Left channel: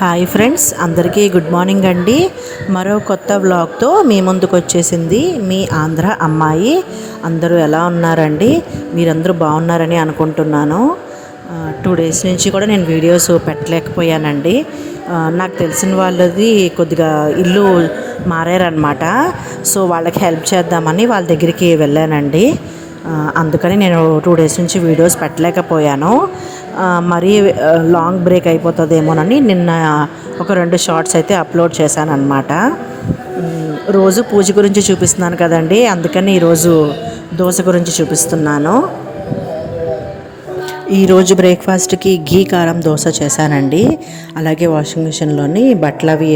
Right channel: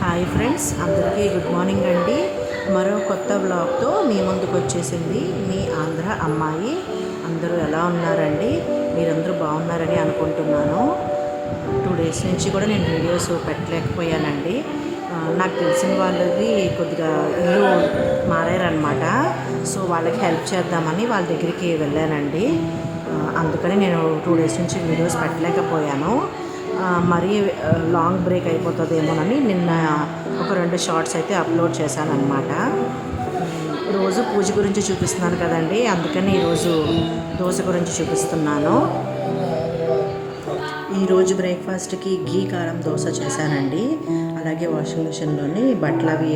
Hi friends, అందరికీ good morning అండి. మరో కొత్త వ్లాగ్తో మీ ముందుకు వచ్చేసింది మీ ఆంధ్ర అమ్మాయి. అందరూ ఎలా ఉన్నారండి? మీరందరూ బాగున్నారని అనుకుంటున్నాను. 2 డేస్ నుంచి కూడా నేను వీడియోస్ పెట్టలేకపోయానండి. నాకు తెలిసిన వాళ్ళది కొద్దిగా ఇల్లు మారారనమాట. సో వాళ్ళకి హెల్ప్ చేద్దామని వాళ్ళ దగ్గరికి వెళ్ళానండి. అందుకని నేను 2 డేస్ నుంచి వీడియోస్ పెట్టలేకపోయాను. మరీ లాంగ్ బ్రేక్ అయిపోతుందేమోనని నిన్న ఒక 2 షార్ట్స్ అయితే అప్లోడ్ చేశాను అనమాట. రోజు పూజ గురించి చూపిస్తున్నాను కదండి, అందుకని ఈరోజు దోశ గురించి చూపిస్తున్నాను. ఈరోజు బ్రేక్ఫాస్ట్కి ఘీ కారం దోశ చేశానండి. అలాగే వాషింగ్ మిషన్లోని బట్టలు అవి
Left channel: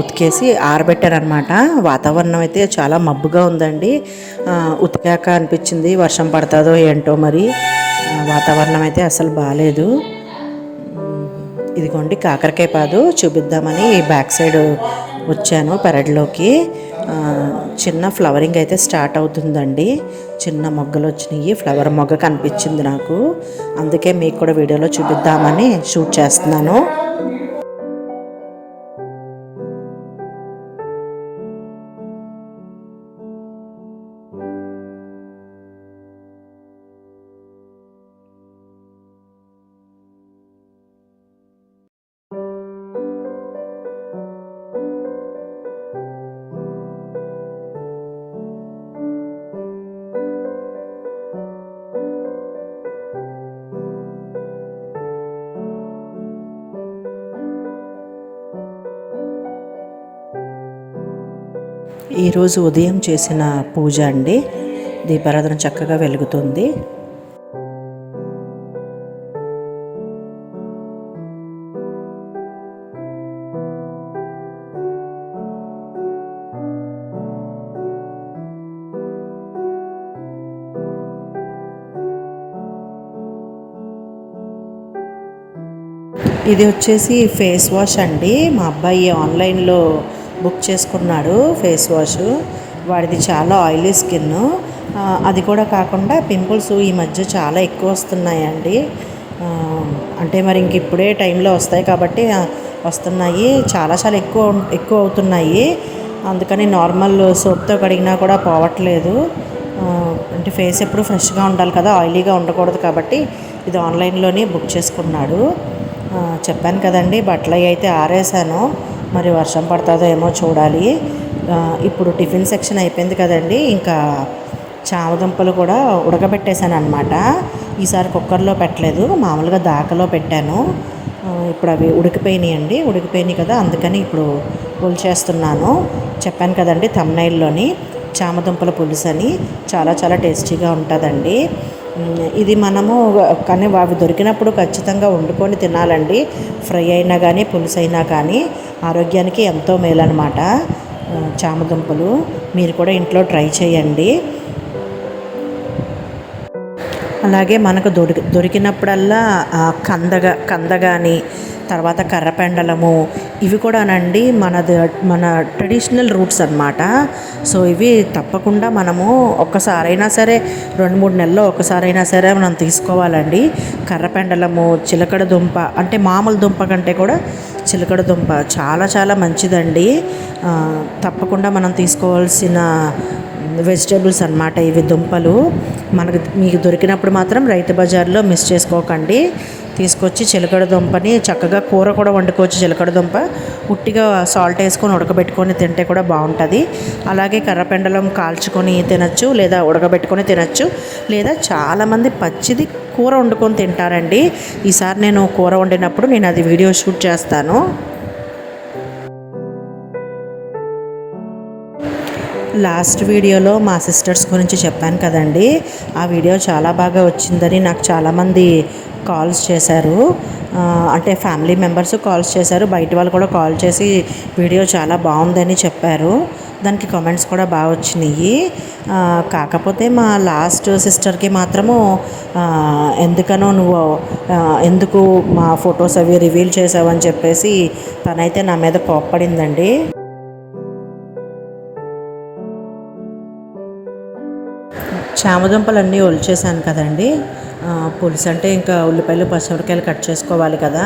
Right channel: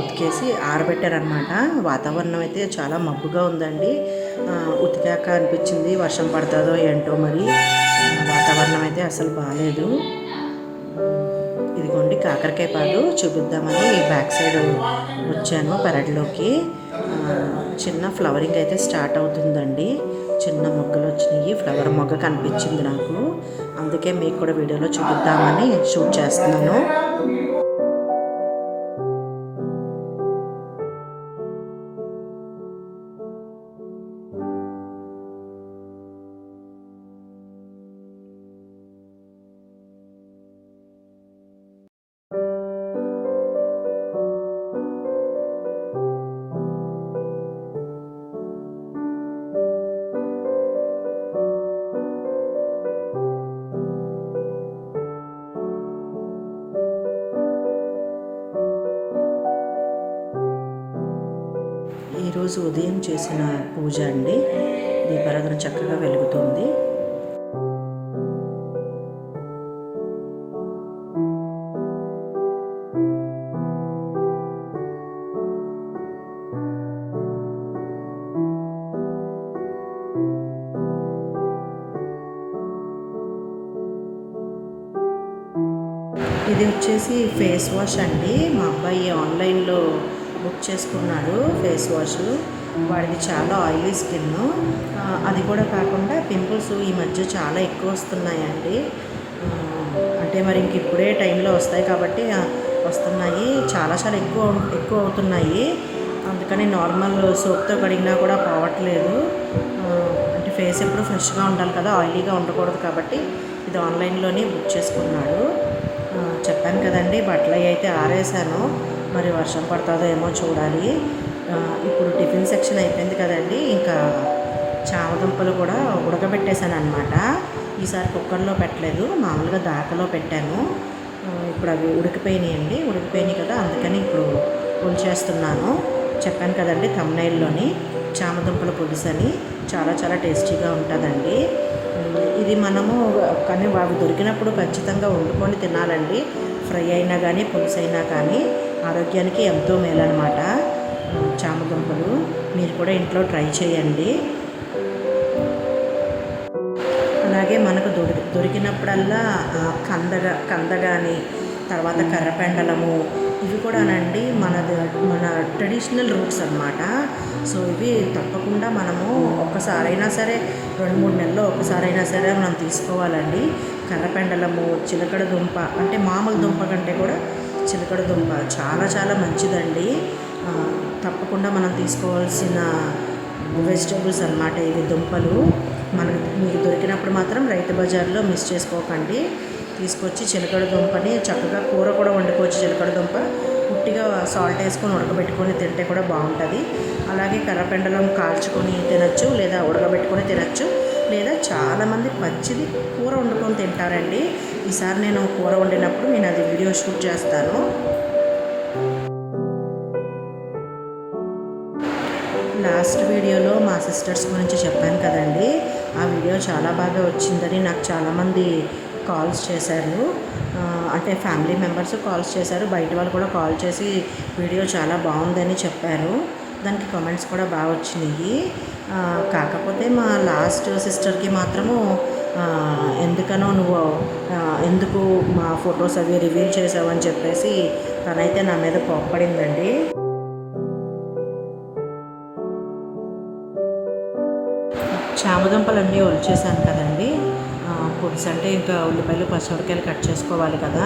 ఉతికేసి ఆరబెట్టారనమాట. వాతావరణం అయితే చాలా మబ్బుగా ఉందండి. ఉతికాక అనిపించింది వర్షం పడుతుందో ఏంటో, మరి వాతావరణం అయితే అసలు బాగాలేదు. ఇదిగోండి కాకరకాయ పాదు చూపిద్దామని బ్యాక్ సైడ్ వచ్చాను పెరట్లోకి. చిన్న ఫ్లవరింగ్ అయితే స్టార్ట్ అవుతుందండి. చిన్న మొగ్గలు వచ్చినాయి, ఫ్లవర్ మొగ్గ కనిపించింది నాకు. అందుకే మీకు కూడా వీడియోలో చూపిద్దామని షూట్ చేస్తున్నాను. ఈరోజు ఉదయం చేసిన పూజ అండి. దీపారాధన చక్కగా వెలుగుతుంది. ఇది వచ్చేసి ఫేస్ వాష్ అండి. మా అబ్బాయి ఆన్లైన్లో బుక్ చేసుకున్నాడు ఫేస్ వాష్. వాడిది చాలా ఆయిలీ స్కిన్. అది కూడా కాకుండా పింపుల్స్ ఈ మధ్య చాలా ఎక్కువ వస్తున్నాయండి. అంటే మరి ఇంక ఇప్పుడే టైంలో వస్తాయి కాబట్టి వస్తున్నాయి. చాలా చాలా ఎక్కువ అవుతున్నాయి. అందుకని నార్మల్ సోప్తో కడిగినా కూడా పోవట్లేదు. అంటే ఫేస్ ఎప్పుడు ఫ్రెష్గా ఉండాలి కదా, ఆయిలీగా ఉండకూడదు కాబట్టి ఇది ఆన్లైన్లోనే బుక్ చేసుకున్నాడు. చెప్పాను కదండి, బట్టలు అయితే ఆరేసాను. మరి వర్షం పడుతుందో ఏమో చూడాలి. ఇప్పుడు టిఫిన్ సెక్షన్ అయిపోయింది కదండి, ఇంకా చామదుంపలు కూడా ఉడకబెట్టేశాను అనమాట. ఈసారి కుక్కర్లో పెట్టలేదు, మామూలుగా దాకలో పెట్టాను. ఇప్పుడు అవి ఉడికిపోయినాయి కదా, అందుకని ఇప్పుడు పులుచేస్తున్నాను. చెప్పాను కదండి థంబ్నెయిల్లోని, చామదుంపల పులుసు అని. చాలా చాలా టేస్టీగా ఉంటుందండి. ఇది మనము కానీ అవి దొరికినప్పుడు ఖచ్చితంగా వండుకొని తినాలండి. ఫ్రై అయినా కానీ పులుసు అయినా కానీ ఆరోగ్యానికి ఎంతో మేలన్నమాట చామదుంపలు. మీరు కూడా ఇంట్లో ట్రై చేయండి. అలాగే మనకు దొరికినప్పుడల్లా కంద కానీ, తర్వాత కర్రపెండలము, ఇవి కూడానండి మన ట్రెడిషనల్ రూట్స్ అన్నమాట. సో ఇవి తప్పకుండా మనము ఒక్కసారైనా సరే 2-3 నెలల్లో ఒక్కసారైనా సరే మనం తీసుకోవాలండి. కర్రపెండలము, చిలకడ దుంప, అంటే మామూలు దుంప కంటే కూడా చిలకడ దుంప చాలా చాలా మంచిదండి. తప్పకుండా మనం తీసుకోవాల్సిన వెజిటేబుల్స్ అన్నమాట ఇవి, దుంపలు. మీకు దొరికినప్పుడు మాత్రం రైతు బజార్లో మిస్ చేసుకోకండి. తీసుకొచ్చి చిలకడ దుంపని చక్కగా కూర కూడా వండుకోవచ్చు. చిలకడ దుంప ఉట్టిగా సాల్ట్ వేసుకొని ఉడకబెట్టుకొని తింటే కూడా బాగుంటుంది. అలాగే కర్రపెండలం కాల్చుకొని తినచ్చు, లేదా ఉడకబెట్టుకొని తినచ్చు, లేదా చాలామంది పచ్చిది కూర వండుకొని తింటారండి. ఈసారి నేను కూర వండినప్పుడు నేను అది వీడియో షూట్ చేస్తాను. లాస్ట్ వీడియోలో మా సిస్టర్స్ గురించి చెప్పాను కదండి, ఆ వీడియో చాలా బాగా వచ్చిందని నాకు చాలామంది కాల్స్ చేశారు. అంటే ఫ్యామిలీ మెంబర్స్ కాల్స్ చేశారు, బయట వాళ్ళు కూడా కాల్ చేసి వీడియో చాలా బాగుందని చెప్పారు. దానికి కామెంట్స్ కూడా బాగా వచ్చినాయి. కాకపోతే మా లాస్ట్ సిస్టర్కి మాత్రము ఎందుకు మా ఫొటోస్ అవి రివీల్ చేసావని చెప్పేసి తనైతే నా మీద కోప్పడిందండి. చామదుంపలన్నీ ఒలిచేసాను కదండి. పులుసు అంటే ఇంకా ఉల్లిపాయలు పచ్చిమిరపకాయలు కట్ చేసుకోవాలి కదా.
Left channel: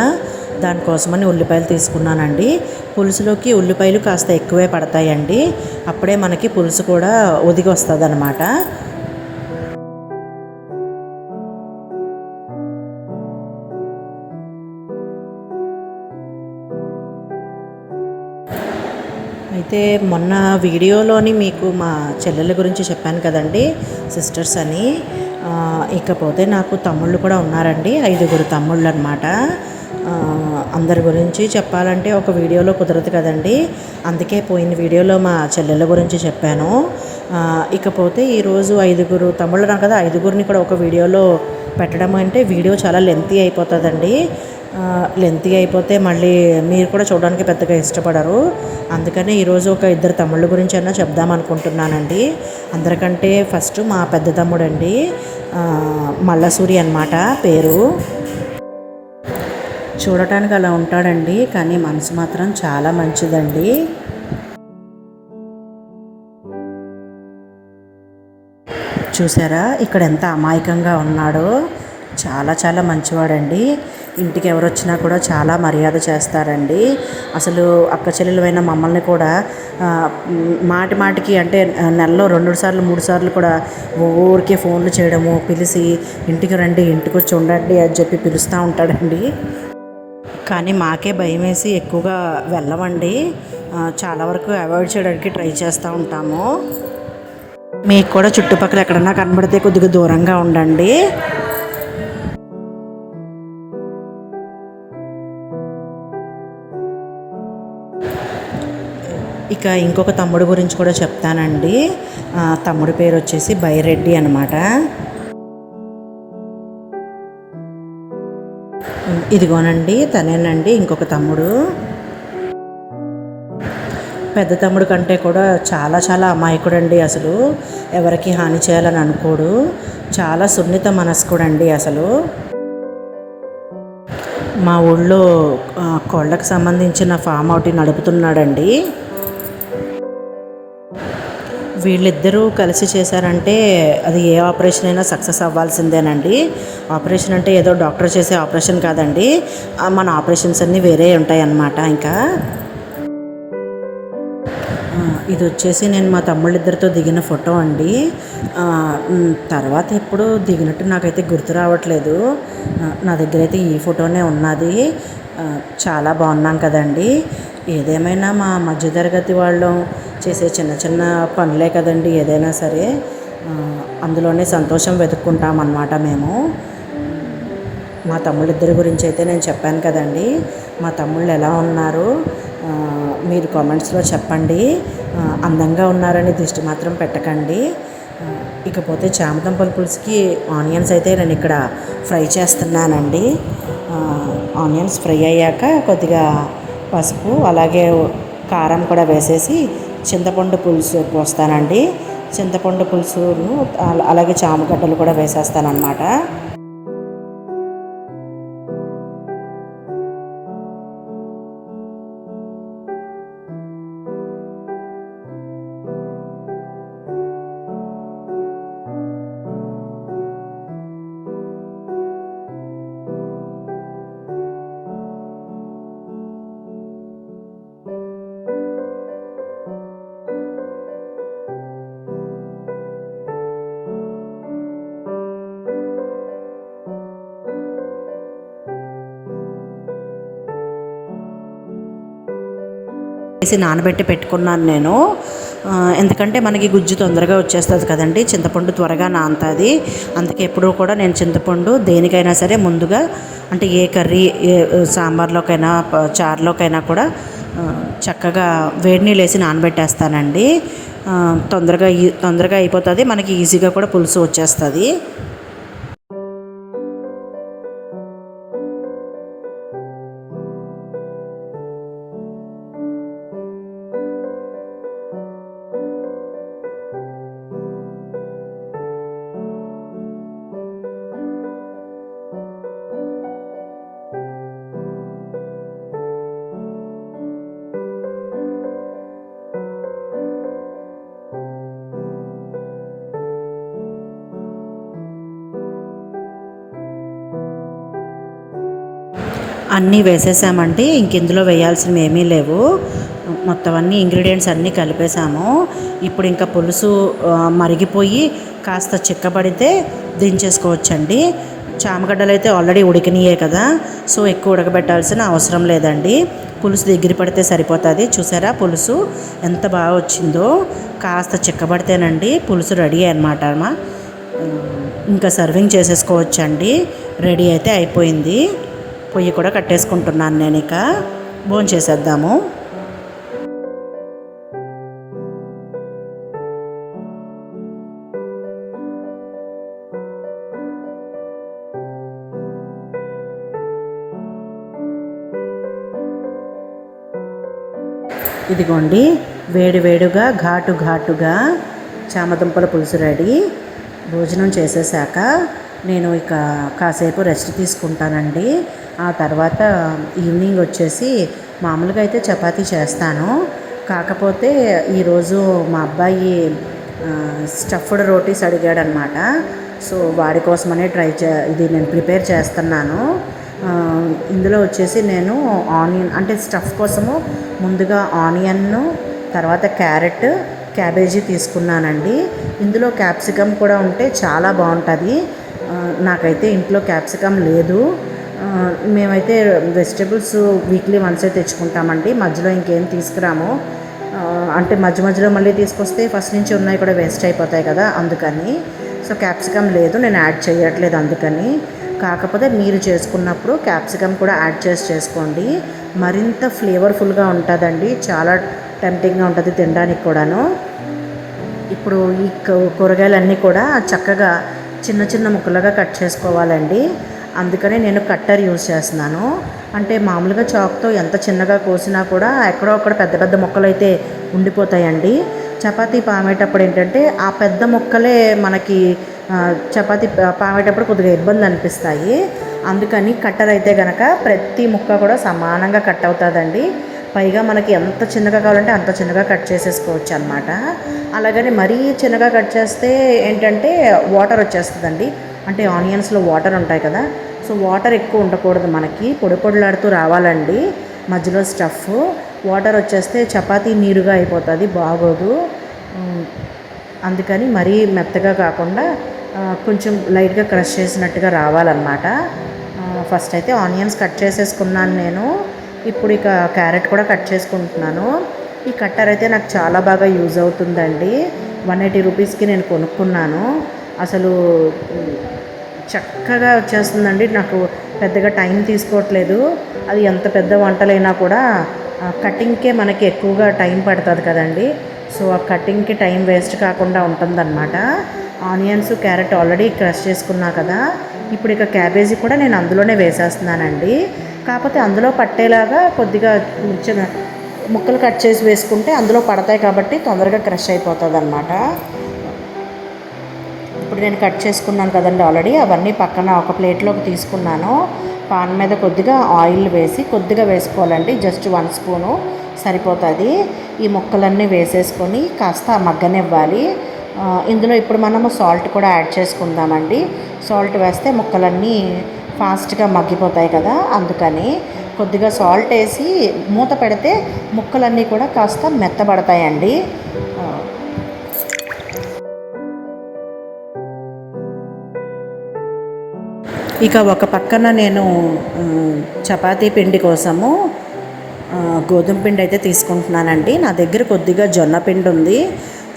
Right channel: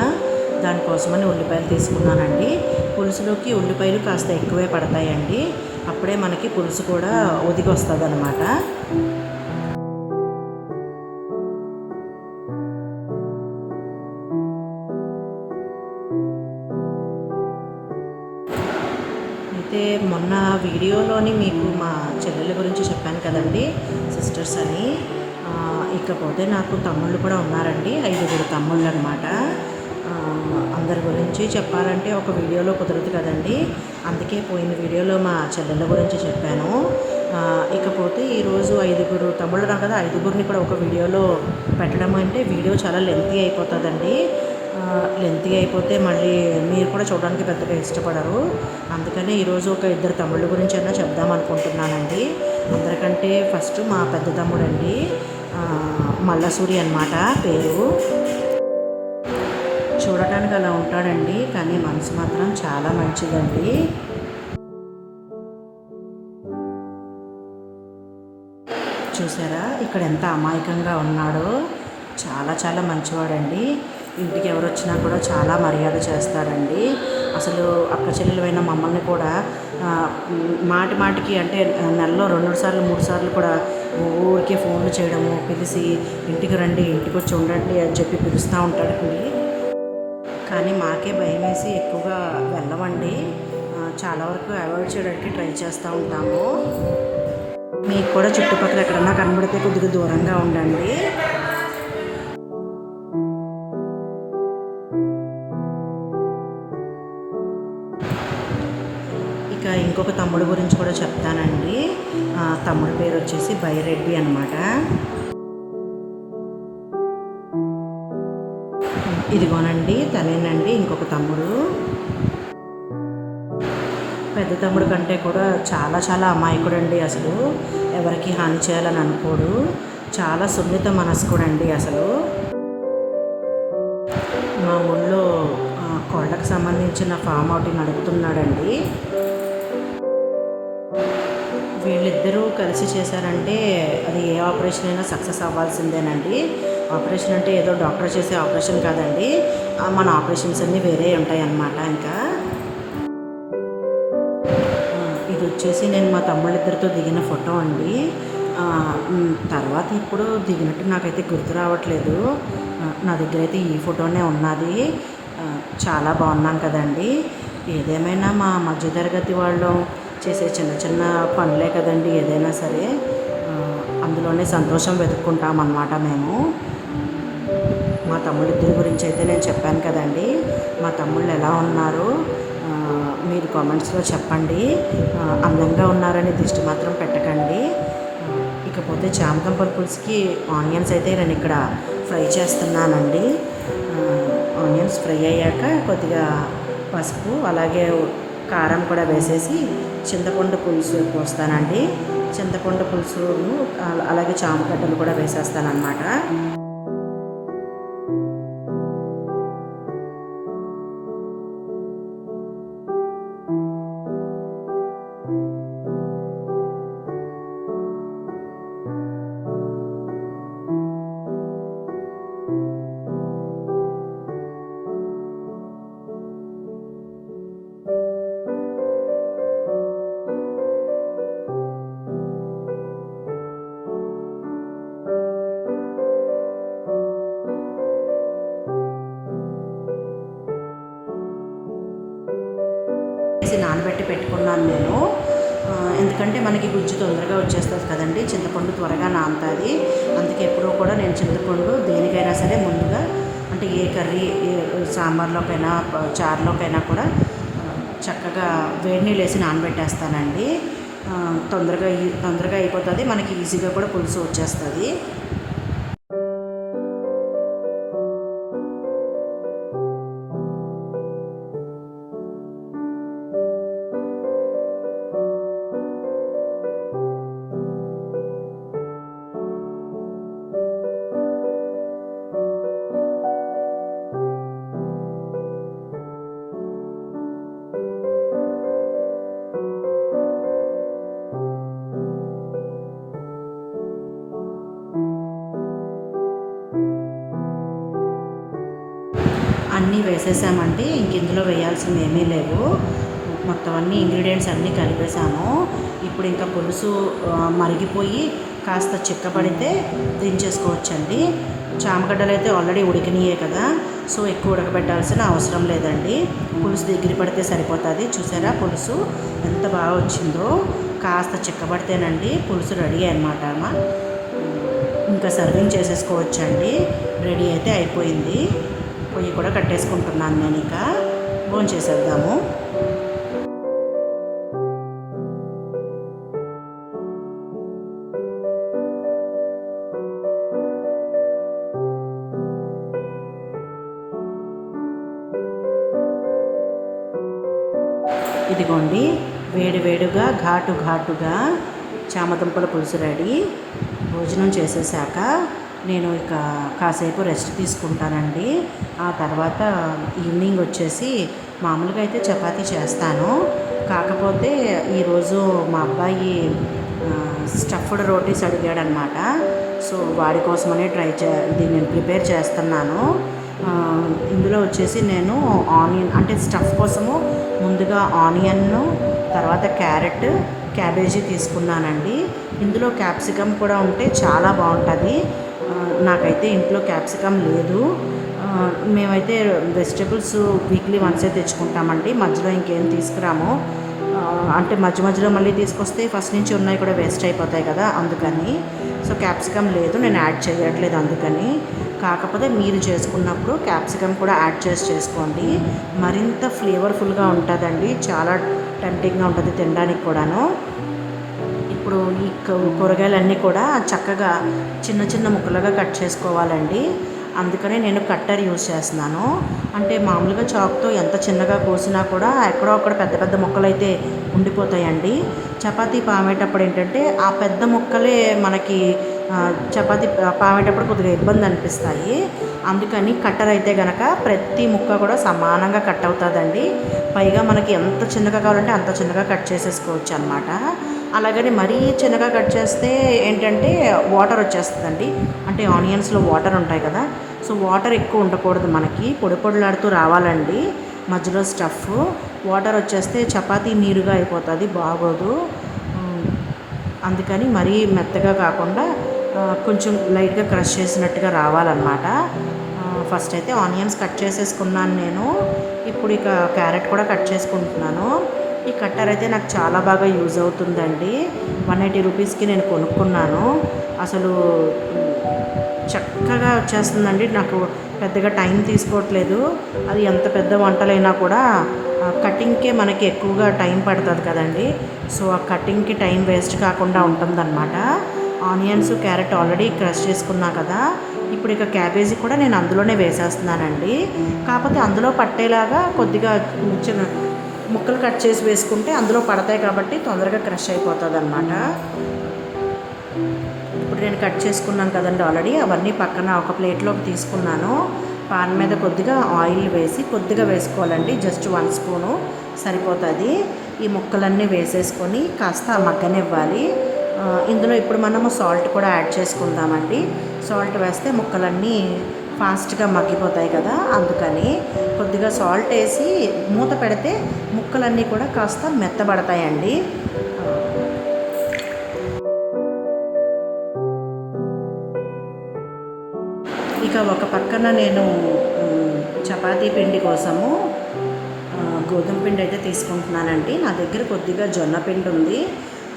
దానికోసమని ఉల్లిపాయలు తీసుకున్నానండి. పులుసులోకి ఉల్లిపాయలు కాస్త ఎక్కువే పడతాయండి, అప్పుడే మనకి పులుసు కూడా ఒదిగి వస్తుంది అన్నమాట. అయితే మొన్న వీడియోలోని మీకు మా చెల్లెల గురించి చెప్పాను కదండి, సిస్టర్స్ అని. ఇకపోతే నాకు తమ్ముళ్ళు కూడా ఉన్నారండి, 5 తమ్ముళ్ళు అనమాట. అందరి గురించి చెప్పాలంటే ఒక వీడియోలో కుదరదు కదండి, అందుకే పోయిన వీడియోలో మా చెల్లెల గురించి చెప్పాను. ఇకపోతే ఈరోజు 5 తమ్ముళ్ళు నాకు కదా, 5గురిని కూడా ఒక వీడియోలో పెట్టడం అంటే వీడియో చాలా లెంతీ అయిపోతుందండి. లెంతీ అయిపోతే మళ్ళీ మీరు కూడా చూడడానికి పెద్దగా ఇష్టపడరు. అందుకని ఈరోజు ఒక 2 తమ్ముళ్ళ గురించి అయినా చెప్దాం అనుకుంటున్నానండి. అందరికంటే ఫస్ట్ మా పెద్ద తమ్ముడండి, మల్లసూరి అన్నమాట పేరు. చూడటానికి అలా ఉంటాడండి, కానీ మనసు మాత్రం చాలా మంచిదండి. చూసారా ఇక్కడ ఎంత అమాయకంగా ఉన్నాడో, చాలా చాలా మంచివాడండి. ఇంటికి ఎవరు వచ్చినా కూడా చాలా మర్యాద చేస్తారండి. అసలు అక్క చెల్లెలమైన మమ్మల్ని కూడా మాటి మాటికి అంటే నెలలో 2 సార్లు 3 సార్లు కూడా ఊరికే ఫోన్లు చేయడము, పిలిచి ఇంటికి రండి, ఇంటికి వచ్చి ఉండండి అని చెప్పి పిలుస్తూ ఉంటాడండి. కానీ మాకే భయం వేసి ఎక్కువగా వెళ్ళమండి. చాలా వరకు అవాయిడ్ చేయడానికి ట్రై చేస్తూ ఉంటాము. మీకు కూడా చుట్టుపక్కల ఎక్కడన్నా కనబడితే కొద్దిగా దూరంగా ఉండండి. ఇక ఇంకొక తమ్ముడు గురించి కూడా చెప్తానండి. తమ్ముడి పేరు వచ్చేసి బైరెడ్డి అనమాట. ఇదిగోనండి తనేనండి ఇంకొక తమ్ముడు. పెద్ద తమ్ముడు కంటే కూడా చాలా చాలా అమాయకుడండి. అసలు ఎవరికి హాని చేయాలని అనుకోడు, చాలా సున్నిత మనస్కుడండి. అసలు మా ఊళ్ళో కోళ్ళకు సంబంధించిన ఫామ్ ఒకటి నడుపుతున్నాడండి. వీళ్ళిద్దరూ కలిసి చేశారంటే అది ఏ ఆపరేషన్ అయినా సక్సెస్ అవ్వాల్సిందేనండి. ఆపరేషన్ అంటే ఏదో డాక్టర్ చేసే ఆపరేషన్ కాదండి, మన ఆపరేషన్స్ అన్నీ వేరే ఉంటాయి అన్నమాట. ఇంకా ఇది వచ్చేసి నేను మా తమ్ముళ్ళిద్దరితో దిగిన ఫోటో అండి. తర్వాత ఎప్పుడు దిగినట్టు నాకైతే గుర్తు రావట్లేదు. నా దగ్గర అయితే ఈ ఫోటోనే ఉన్నది. చాలా బాగున్నాం కదండి. ఏదేమైనా మా మధ్యతరగతి వాళ్ళు చేసే చిన్న చిన్న పనులే కదండి ఏదైనా సరే, అందులోనే సంతోషం వెతుక్కుంటాం అన్నమాట మేము. మా తమ్ముళ్ళిద్దరి గురించి అయితే నేను చెప్పాను కదండి. మా తమ్ముళ్ళు ఎలా ఉన్నారు మీరు కామెంట్స్లో చెప్పండి. అందంగా ఉన్నారని దిష్టి మాత్రం పెట్టకండి. ఇకపోతే చామదుంపల పులుసుకి ఆనియన్స్ అయితే నేను ఇక్కడ ఫ్రై చేస్తున్నానండి. ఆనియన్స్ ఫ్రై అయ్యాక కొద్దిగా పసుపు అలాగే కారం కూడా వేసేసి చింతపండు పులుసు పోస్తానండి. చింతపండు పులుసును అలాగే చామగడ్డలు కూడా వేసేస్తానన్నమాట. వేసి నానబెట్టి పెట్టుకున్నాను నేను. ఎందుకంటే మనకి గుజ్జు తొందరగా వచ్చేస్తుంది కదండి, చింతపండు త్వరగా నానుతుంది. అందుకే ఎప్పుడూ కూడా నేను చింతపండు దేనికైనా సరే ముందుగా అంటే ఏ కర్రీ ఏ సాంబార్లోకైనా చారులోకైనా కూడా చక్కగా వేడి నీళ్ళు వేసి నానబెట్టేస్తానండి. తొందరగా అయిపోతుంది, మనకి ఈజీగా కూడా పులుసు వచ్చేస్తుంది. అన్నీ వేసేసామంటే ఇంక ఇందులో వేయాల్సినవి ఏమీ లేవు. మొత్తం అన్ని ఇంగ్రీడియంట్స్ అన్నీ కలిపేసాము. ఇప్పుడు ఇంకా పులుసు మరిగిపోయి కాస్త చిక్కబడితే దించేసుకోవచ్చండి. చామగడ్డలు అయితే ఆల్రెడీ ఉడికినాయే కదా, సో ఎక్కువ ఉడకబెట్టాల్సిన అవసరం లేదండి. పులుసు దగ్గర పడితే సరిపోతుంది. చూసారా పులుసు ఎంత బాగా వచ్చిందో. కాస్త చిక్కబడితేనండి పులుసు రెడీ అనమాట. ఇంకా సర్వింగ్ చేసేసుకోవచ్చండి. రెడీ అయితే అయిపోయింది. పొయ్యి కూడా కట్టేసుకుంటున్నాను నేను. ఇక భోంచేసేద్దాము. ఇదిగోండి వేడివేడిగా ఘాటుగా చామదుంపల పులుసు రెడీ. భోజనం చేసేసాక నేను ఇక కాసేపు రెస్ట్ తీసుకుంటానండి. ఆ తర్వాత ఈవినింగ్ వచ్చేసి మామూలుగా అయితే చపాతీ చేస్తాను. కాకపోతే ఈరోజు మా అబ్బాయి స్టఫ్డ్ రోటీస్ అడిగాడనమాట. సో వాడి కోసమనే ఇది నేను ప్రిపేర్ చేస్తున్నాను. ఇందులో వచ్చేసి నేను ఆనియన్ అంటే స్టఫ్ కోసము ముందుగా ఆనియన్ను, తర్వాత క్యారెట్, క్యాబేజీ తీసుకున్నానండి. ఇందులో క్యాప్సికమ్ కూడా ఉంటే చాలా బాగుంటుంది. నాకైతే ఇంట్లో క్యాప్సికమ్ లేదు. మేమైతే వెజిటబుల్స్ వీక్లీ వన్సే తెచ్చుకుంటామండి. మధ్యలో ఇంకేం తీసుకురాము. అంటే మధ్యలో మళ్ళీ తీసుకొస్తే ఫస్ట్ నుంచి ఉన్నాయి కూడా వేస్ట్ అయిపోతాయి కదా, అందుకని. సో క్యాప్సికమ్ లేదు, నేను యాడ్ చేయట్లేదు అందుకని. కాకపోతే మీరు చేసుకున్నప్పుడు క్యాప్సికమ్ కూడా యాడ్ చేసుకోండి. మరింత ఫ్లేవర్ఫుల్గా ఉంటుందండి. చాలా టెంప్టింగ్గా ఉంటుంది తినడానికి కూడాను. ఇప్పుడు ఈ కూరగాయలన్నీ కూడా చక్కగా చిన్న ముక్కలుగా కట్ చేసుకోవాలండి. అందుకనే నేను కట్టర్ యూజ్ చేస్తున్నాను. అంటే మామూలుగా చాక్తో ఎంత చిన్నగా కోసినా కూడా ఎక్కడో అక్కడ పెద్ద ముక్కలు అయితే ఉండిపోతాయండి. చపాతీ పామేటప్పుడు ఏంటంటే ఆ పెద్ద ముక్కలే మనకి చపాతీ పామేటప్పుడు కొద్దిగా ఇబ్బంది అనిపిస్తాయి. అందుకని కట్టర్ అయితే కనుక ప్రతి ముక్క కూడా సమానంగా కట్ అవుతుందండి. పైగా మనకి ఎంత చిన్నగా కావాలంటే అంత చిన్నగా కట్ చేసేసుకోవచ్చు అనమాట. అలాగని మరీ చిన్నగా కట్ చేస్తే ఏంటంటే వాటర్ వచ్చేస్తుందండి. అంటే ఆనియన్స్లో వాటర్ ఉంటాయి కదా, సో వాటర్ ఎక్కువ ఉండకూడదు, మనకి పొడిలాడుతూ రావాలండి. మధ్యలో స్టఫ్ వాటర్ వచ్చేస్తే చపాతీ నీరుగా అయిపోతుంది, బాగోదు. అందుకని మరీ మెత్తగా కాకుండా కొంచెం లైట్గా క్రష్ చేసినట్టుగా రావాలన్నమాట. ఫస్ట్ అయితే ఆనియన్స్ కట్ చేసేసుకున్నాను నేను. ఇప్పుడు ఇక క్యారెట్ కూడా కట్ చేసుకుంటున్నాను. ఈ కట్టర్ అయితే నాకు చాలా బాగా యూజ్ అవుతుందండి. 180 రూపీస్కి నేను కొనుక్కున్నాను. అసలు చక్కగా వచ్చేస్తుందండి. నాకు పెద్దగా టైం తీసుకోవట్లేదు. అది ఎంత పెద్ద వంటలైనా కూడా కటింగ్కే మనకి ఎక్కువగా టైం పడుతుంది కదండి. సో ఆ కటింగ్కి టైం వేస్ట్ కాకుండా ఉంటుందన్నమాట. ఆనియన్స్, క్యారెట్ ఆల్రెడీ క్రష్ చేసుకున్నా కదా. ఇప్పుడు ఇక క్యాబేజీ కూడా నేను అందులోనే వేసేస్తున్నానండి. కాకపోతే అందులో పట్టేలాగా కొద్దిగా ముక్కలు కట్ చేసి వేసుకుంటే అందులో పడతాయి కాబట్టి తొందరగా క్రష్ అయిపోతుంది అన్నమాట. ఇప్పుడు నేను కట్ చేసుకున్నాను కదండి ఆల్రెడీ, అవన్నీ పక్కన ఒక ప్లేట్లోకి తీసుకున్నాను. పాన్ మీద కొద్దిగా ఆయిల్ వేసి కొద్దిగా వేసుకోవాలండి, జస్ట్ 1 స్పూను సరిపోతుంది. ఈ ముక్కలన్నీ వేసేసుకొని కాస్త మగ్గనివ్వాలి. ఇందులో ఇప్పుడు మనము సాల్ట్ కూడా యాడ్ చేసుకుందామండి. సాల్ట్ వేస్తే ముక్కలన్నీ ఫాస్ట్గా మగ్గిపోతాయి కదా, అందుకని కొద్దిగా సాల్ట్ వేసి మూత పెడితే ముక్కలన్నీ కూడా కాస్త మెత్తబడతాయండి. ఇక ఒక పక్కన నేను చపాతీ పిండి కోసము గోధుమ పిండి అయితే తీసుకుంటున్నానండి. నా దగ్గర కొద్దిగా జొన్న పిండి ఉంది,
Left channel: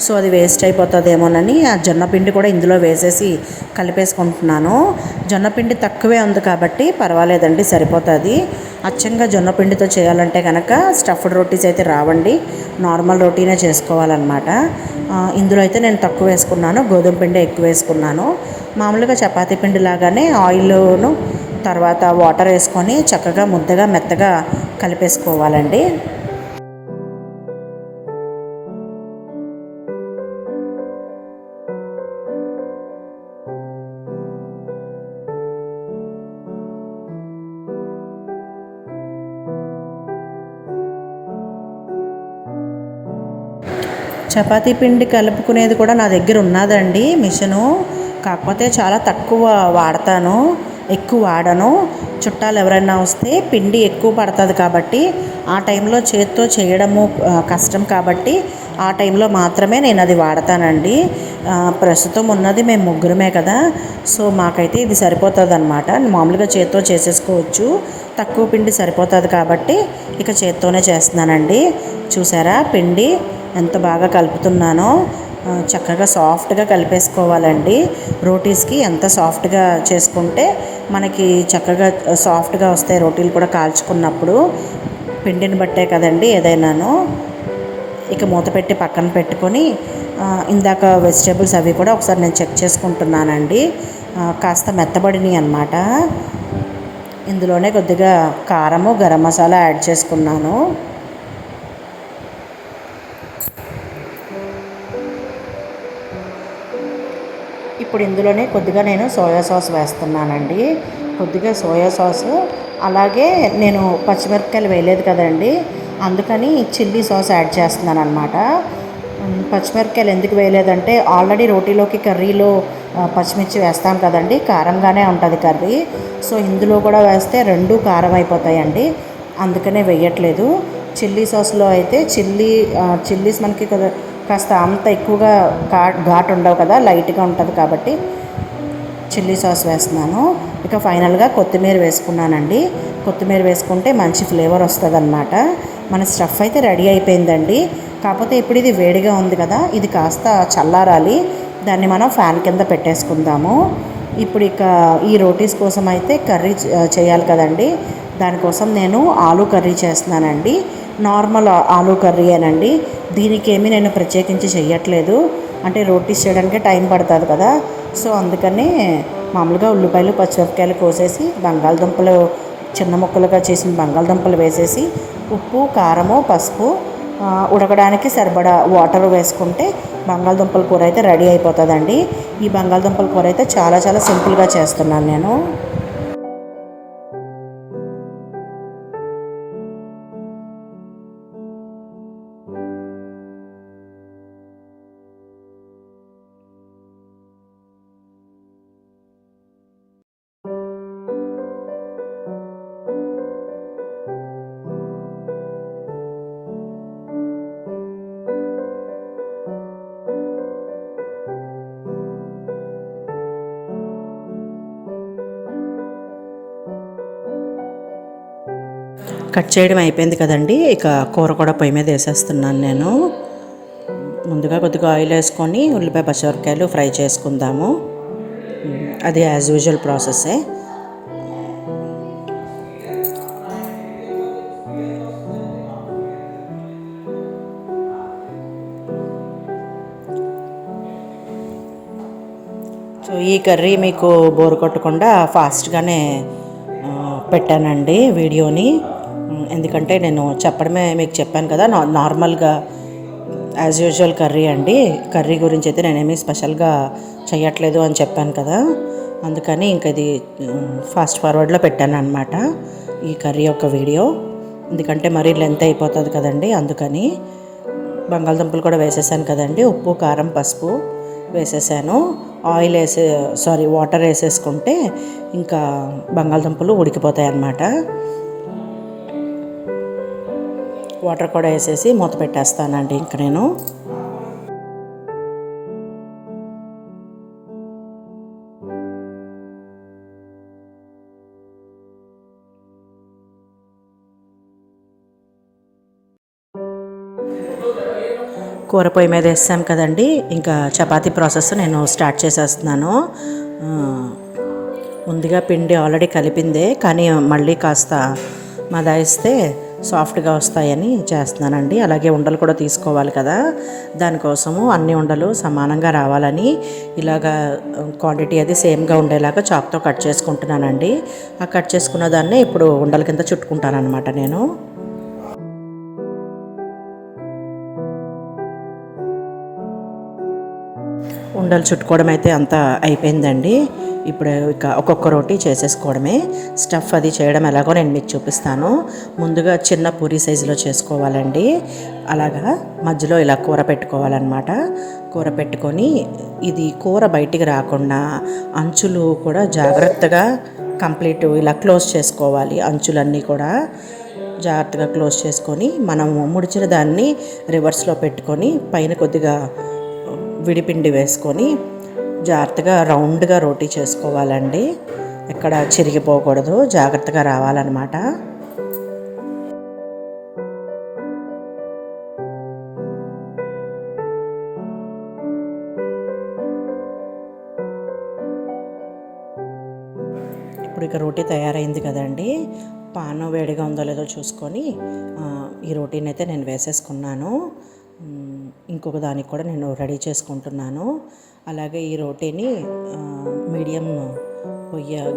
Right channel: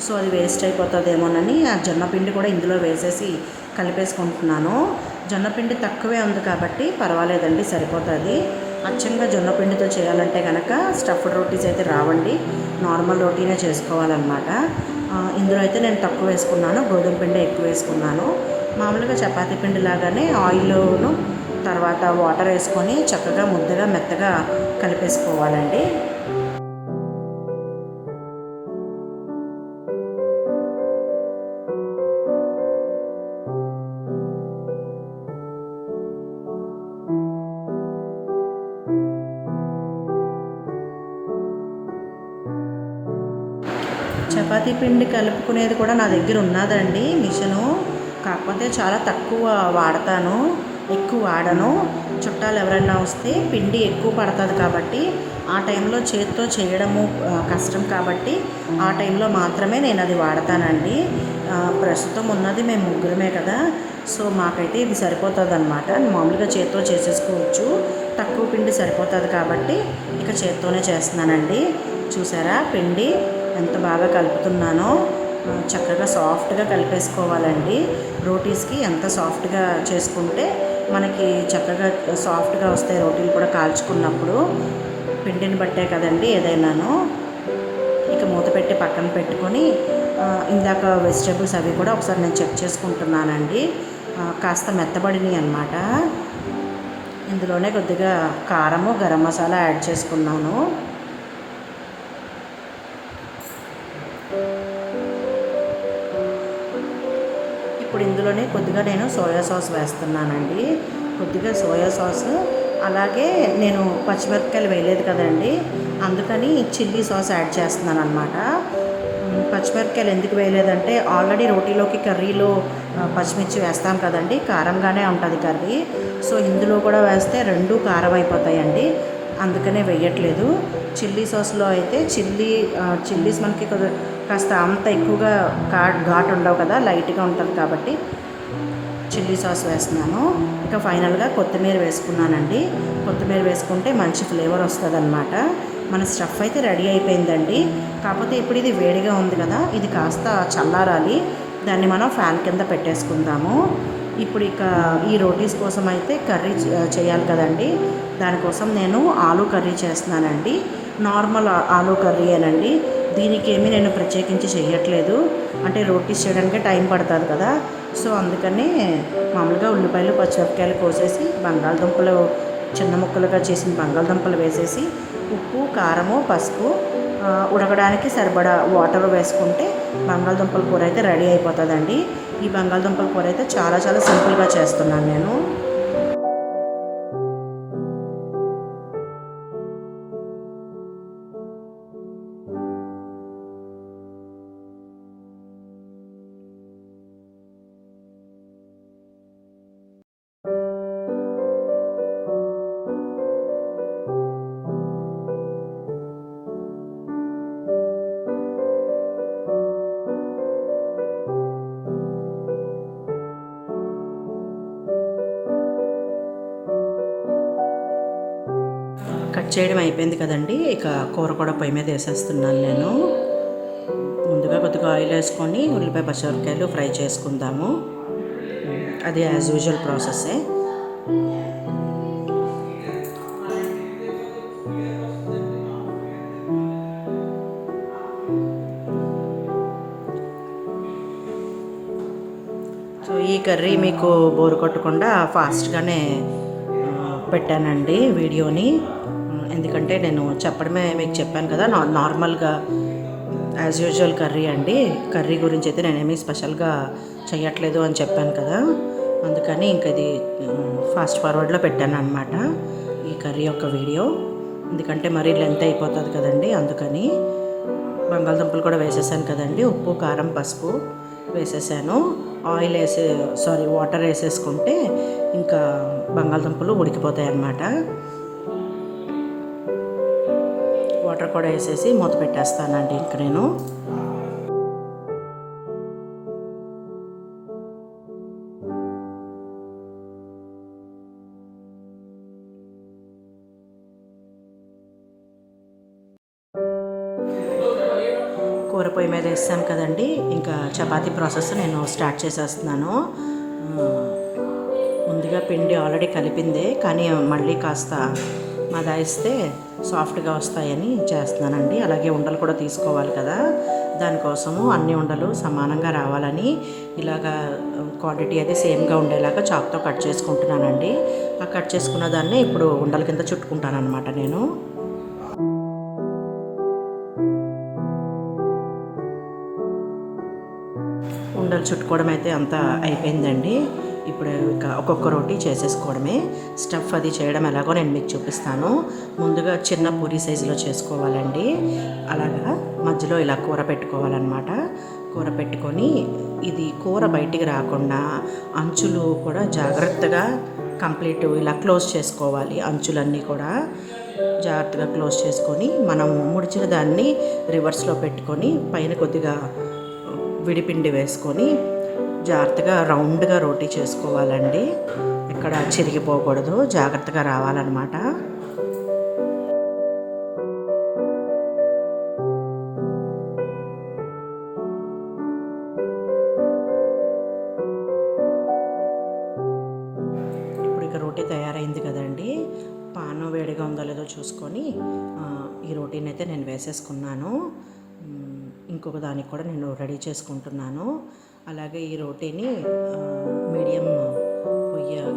సో అది వేస్ట్ అయిపోతుందేమోనని ఆ జొన్న పిండి కూడా ఇందులో వేసేసి కలిపేసుకుంటున్నాను. జొన్న పిండి తక్కువే ఉంది కాబట్టి పర్వాలేదండి, సరిపోతుంది. అచ్చంగా జొన్న పిండితో చేయాలంటే కనుక స్టఫ్డ్ రోటీస్ అయితే రావండి, నార్మల్ రోటీనే చేసుకోవాలన్నమాట. ఇందులో అయితే నేను తక్కువ వేసుకున్నాను, గోధుమ పిండి ఎక్కువ వేసుకున్నాను. మామూలుగా చపాతీ పిండి లాగానే ఆయిల్ను తర్వాత వాటర్ వేసుకొని చక్కగా ముద్దగా మెత్తగా కలిపేసుకోవాలండి. చపాతీ పిండి కలుపుకునేది కూడా నా దగ్గర ఉన్నదండి మిషను, కాకపోతే చాలా తక్కువ వాడతాను. ఎక్కువ వాడను. చుట్టాలు ఎవరైనా వస్తే పిండి ఎక్కువ పడుతుంది కాబట్టి ఆ టైంలో చేత్తో చేయడము కష్టం కాబట్టి ఆ టైంలో మాత్రమే నేను అది వాడతానండి. ప్రస్తుతం ఉన్నది మేము ముగ్గురమే కదా, సో మాకైతే ఇది సరిపోతుంది అనమాట. మామూలుగా చేత్తో చేసేసుకోవచ్చు, తక్కువ పిండి సరిపోతుంది కాబట్టి ఇక చేత్తోనే చేస్తున్నానండి. చూసారా పిండి ఎంత బాగా కలుపుతున్నానో, చక్కగా సాఫ్ట్గా కలిపేసుకోవాలండి. రోటీస్కి ఎంత సాఫ్ట్గా చేసుకుంటే మనకి చక్కగా సాఫ్ట్గా వస్తాయి రోటీలు కూడా కాల్చుకున్నప్పుడు. పిండిని బట్టే కదండి ఏదైనాను. ఇక మూత పెట్టి పక్కన పెట్టుకొని ఇందాక వెజిటేబుల్స్ అవి కూడా ఒకసారి నేను చెక్ చేసుకుంటున్నానండి. కాస్త మెత్తబడినాయి అన్నమాట. ఇందులోనే కొద్దిగా కారము, గరం మసాలా యాడ్ చేసుకున్నాను. ఇప్పుడు ఇందులోనే కొద్దిగా నేను సోయా సాస్ వేస్తున్నానండి. కొద్దిగా సోయా సాస్, అలాగే నేను పచ్చిమిరపకాయలు వేయలేదు కదండి, అందుకని చిల్లీ సాస్ యాడ్ చేస్తున్నాను అనమాట. పచ్చిమిరపకాయలు ఎందుకు వేయలేదంటే ఆల్రెడీ రోటీలోకి కర్రీలో పచ్చిమిర్చి వేస్తాం కదండి, కారంగానే ఉంటుంది కర్రీ. సో ఇందులో కూడా వేస్తే రెండు కారం అయిపోతాయండి, అందుకనే వేయట్లేదు. చిల్లీ సాస్లో అయితే చిల్లీస్ మనకి కాస్త అంత ఎక్కువగా ఘాటు ఉండవు కదా, లైట్గా ఉంటుంది కాబట్టి చిల్లీ సాస్ వేస్తున్నాను. ఇక ఫైనల్గా కొత్తిమీర వేసుకున్నానండి. కొత్తిమీర వేసుకుంటే మంచి ఫ్లేవర్ వస్తుంది అన్నమాట. మన స్టఫ్ అయితే రెడీ అయిపోయిందండి. కాకపోతే ఇప్పుడు ఇది వేడిగా ఉంది కదా, ఇది కాస్త చల్లారాలి. దాన్ని మనం ఫ్యాన్ కింద పెట్టేసుకుందాము. ఇప్పుడు ఇక ఈ రోటీస్ కోసం అయితే కర్రీ చేయాలి కదండి, దానికోసం నేను ఆలూ కర్రీ చేస్తున్నానండి. నార్మల్ ఆలూ కర్రీయేనండి, దీనికేమీ నేను ప్రత్యేకించి చెయ్యట్లేదు. అంటే రోటీస్ చేయడానికి టైం పడుతుంది కదా, సో అందుకని మామూలుగా ఉల్లిపాయలు, పచ్చిమిరపకాయలు కోసేసి బంగాళదుంపలు చిన్న ముక్కలుగా చేసిన బంగాళదుంపలు వేసేసి ఉప్పు, కారము, పసుపు, ఉడకడానికి సరిపడా వాటర్ వేసుకుంటే బంగాళదుంపల కూర అయితే రెడీ అయిపోతుందండి. ఈ బంగాళదుంపల కూర అయితే చాలా చాలా సింపుల్గా చేస్తున్నాను నేను. కట్ చేయడం అయిపోయింది కదండి, ఇక కూర కూడా పొయ్యి మీద వేసేస్తున్నాను నేను. ముందుగా కొద్దిగా ఆయిల్ వేసుకొని ఉల్లిపాయ, పచ్చిమిరపకాయలు ఫ్రై చేసుకుందాము. అది యాజ్ యూజువల్ ప్రాసెస్సే. సో ఈ కర్రీ మీకు బోరు కొట్టకుండా ఫాస్ట్గానే పెట్టానండి వీడియోని. ఎందుకంటే నేను చెప్పడమే మీకు చెప్పాను కదా, నార్మల్గా యాజ్ యూజువల్ కర్రీ అండి. కర్రీ గురించి అయితే నేనేమీ స్పెషల్గా చేయట్లేదు అని చెప్పాను కదా, అందుకని ఇంక ఇది ఫాస్ట్ ఫార్వర్డ్లో పెట్టాను అనమాట ఈ కర్రీ యొక్క వీడియో. ఎందుకంటే మరీ లెంత్ అయిపోతుంది కదండి, అందుకని. బంగాళదుంపలు కూడా వేసేసాను కదండి, ఉప్పు, కారం, పసుపు వేసేసాను. వాటర్ వేసేసుకుంటే ఇంకా బంగాళదుంపలు ఉడికిపోతాయి అన్నమాట. వాటర్ కూడా వేసేసి మూత పెట్టేస్తానండి ఇంక నేను. కూర పొయ్యి మీద వేస్తాను కదండి, ఇంకా చపాతీ ప్రాసెస్ నేను స్టార్ట్ చేసేస్తున్నాను. ముందుగా పిండి ఆల్రెడీ కలిపిందే, కానీ మళ్ళీ కాస్త మదాయిస్తే సాఫ్ట్గా వస్తాయని చేస్తున్నానండి. అలాగే ఉండలు కూడా తీసుకోవాలి కదా, దానికోసము అన్ని ఉండలు సమానంగా రావాలని ఇలాగా క్వాంటిటీ అది సేమ్గా ఉండేలాగా చాక్తో కట్ చేసుకుంటున్నానండి. ఆ కట్ చేసుకున్న దాన్ని ఇప్పుడు ఉండల కింద చుట్టుకుంటాను అనమాట నేను. ఉండలు చుట్టుకోవడం అయితే అంతా అయిపోయిందండి. ఇప్పుడు ఇక ఒక్కొక్క రోటీ చేసేసుకోవడమే. స్టఫ్ అది చేయడం ఎలాగో నేను మీకు చూపిస్తాను. ముందుగా చిన్న పూరి సైజులో చేసుకోవాలండి. అలాగా మధ్యలో ఇలా కూర పెట్టుకోవాలన్నమాట. కూర పెట్టుకొని ఇది కూర బయటికి రాకుండా అంచులు కూడా జాగ్రత్తగా కంప్లీట్ ఇలా క్లోజ్ చేసుకోవాలి. అంచులన్నీ కూడా జాగ్రత్తగా క్లోజ్ చేసుకొని మనం ముడిచిన దాన్ని రివర్స్లో పెట్టుకొని పైన కొద్దిగా విడిపిండి వేసుకొని జాగ్రత్తగా రౌండ్గా రోటీ చేసుకోవాలండి. ఎక్కడ చిరిగిపోకూడదు, జాగ్రత్తగా రావాలన్నమాట. ఇప్పుడు ఇక రోటీ తయారైంది కదండి. పాను వేడిగా ఉందో లేదో చూసుకొని ఈ రోటీని అయితే నేను వేసేసుకున్నాను. ఇంకొక దానికి కూడా నేను రెడీ చేసుకుంటున్నాను. అలాగే ఈ రోటీని మీడియం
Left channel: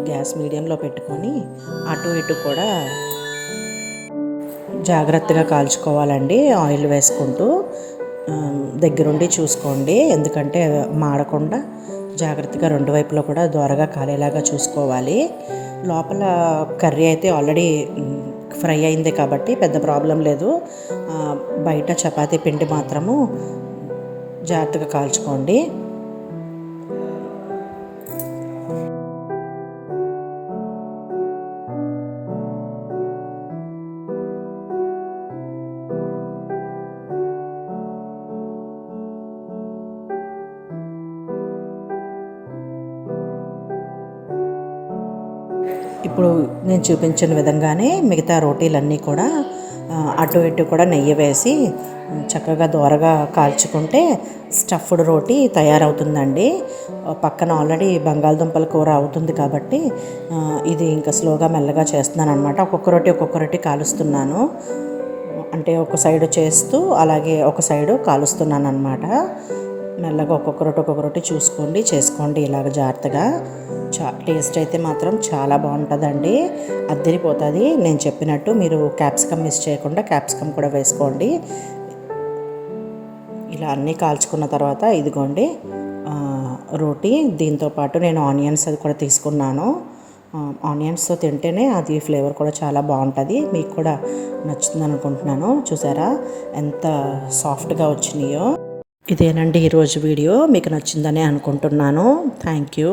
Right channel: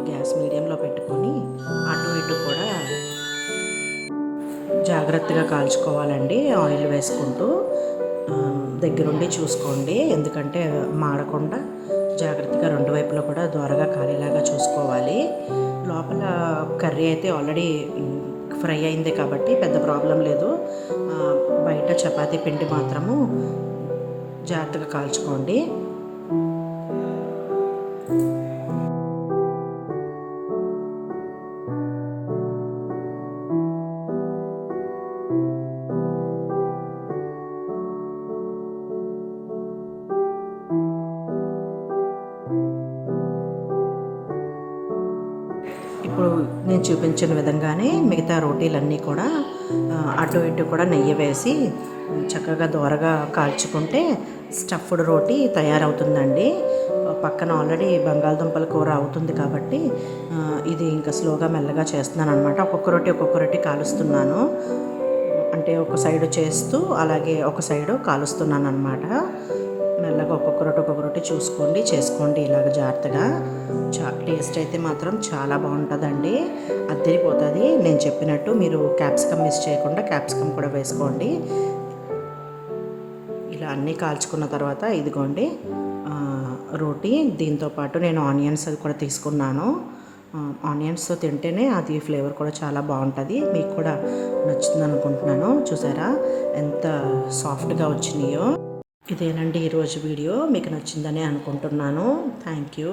గ్యాస్ మీడియంలో పెట్టుకొని అటు ఇటు కూడా జాగ్రత్తగా కాల్చుకోవాలండి. ఆయిల్ వేసుకుంటూ దగ్గరుండి చూసుకోండి, ఎందుకంటే మాడకుండా జాగ్రత్తగా రెండు వైపులో కూడా దోరగా కాలేలాగా చూసుకోవాలి. లోపల కర్రీ అయితే ఆల్రెడీ ఫ్రై అయింది కాబట్టి పెద్ద ప్రాబ్లం లేదు. బయట చపాతీ పిండి మాత్రము జాగ్రత్తగా కాల్చుకోండి. ఇప్పుడు నేను చూపించిన విధంగానే మిగతా రోటీలన్నీ కూడా అటు ఇటు కూడా నెయ్యి వేసి చక్కగా దోరగా కాల్చుకుంటే స్టఫ్డ్ రోటీ తయారవుతుందండి. పక్కన ఆల్రెడీ బంగాళదుంపల కూర అవుతుంది కాబట్టి ఇది ఇంకా స్లోగా మెల్లగా చేస్తున్నాను అనమాట. ఒక్కొక్క రోటీ కాలుస్తున్నాను, అంటే ఒక సైడు చేస్తూ అలాగే ఒక సైడు కాలుస్తున్నాను అనమాట. మెల్లగా ఒక్కొక్క రోటీ చూసుకోండి, చేసుకోండి ఇలాగ జాగ్రత్తగా. టేస్ట్ అయితే మాత్రం చాలా బాగుంటుందండి, అద్దరిపోతుంది. నేను చెప్పినట్టు మీరు క్యాప్సికమ్ మిస్ చేయకుండా క్యాప్సికమ్ కూడా వేసుకోండి. ఇలా అన్నీ కాల్చుకున్న తర్వాత ఇదిగోండి రోటీ. దీంతోపాటు నేను ఆనియన్స్ అది కూడా తీసుకున్నాను. ఆనియన్స్తో తింటేనే అది ఫ్లేవర్ కూడా చాలా బాగుంటుంది. మీకు కూడా నచ్చుతుంది అనుకుంటున్నాను. చూసారా ఎంత సాఫ్ట్గా వచ్చినాయో. ఇదేనండి ఈరోజు వీడియో. మీకు నచ్చిందని అనుకుంటున్నాను. Thank you.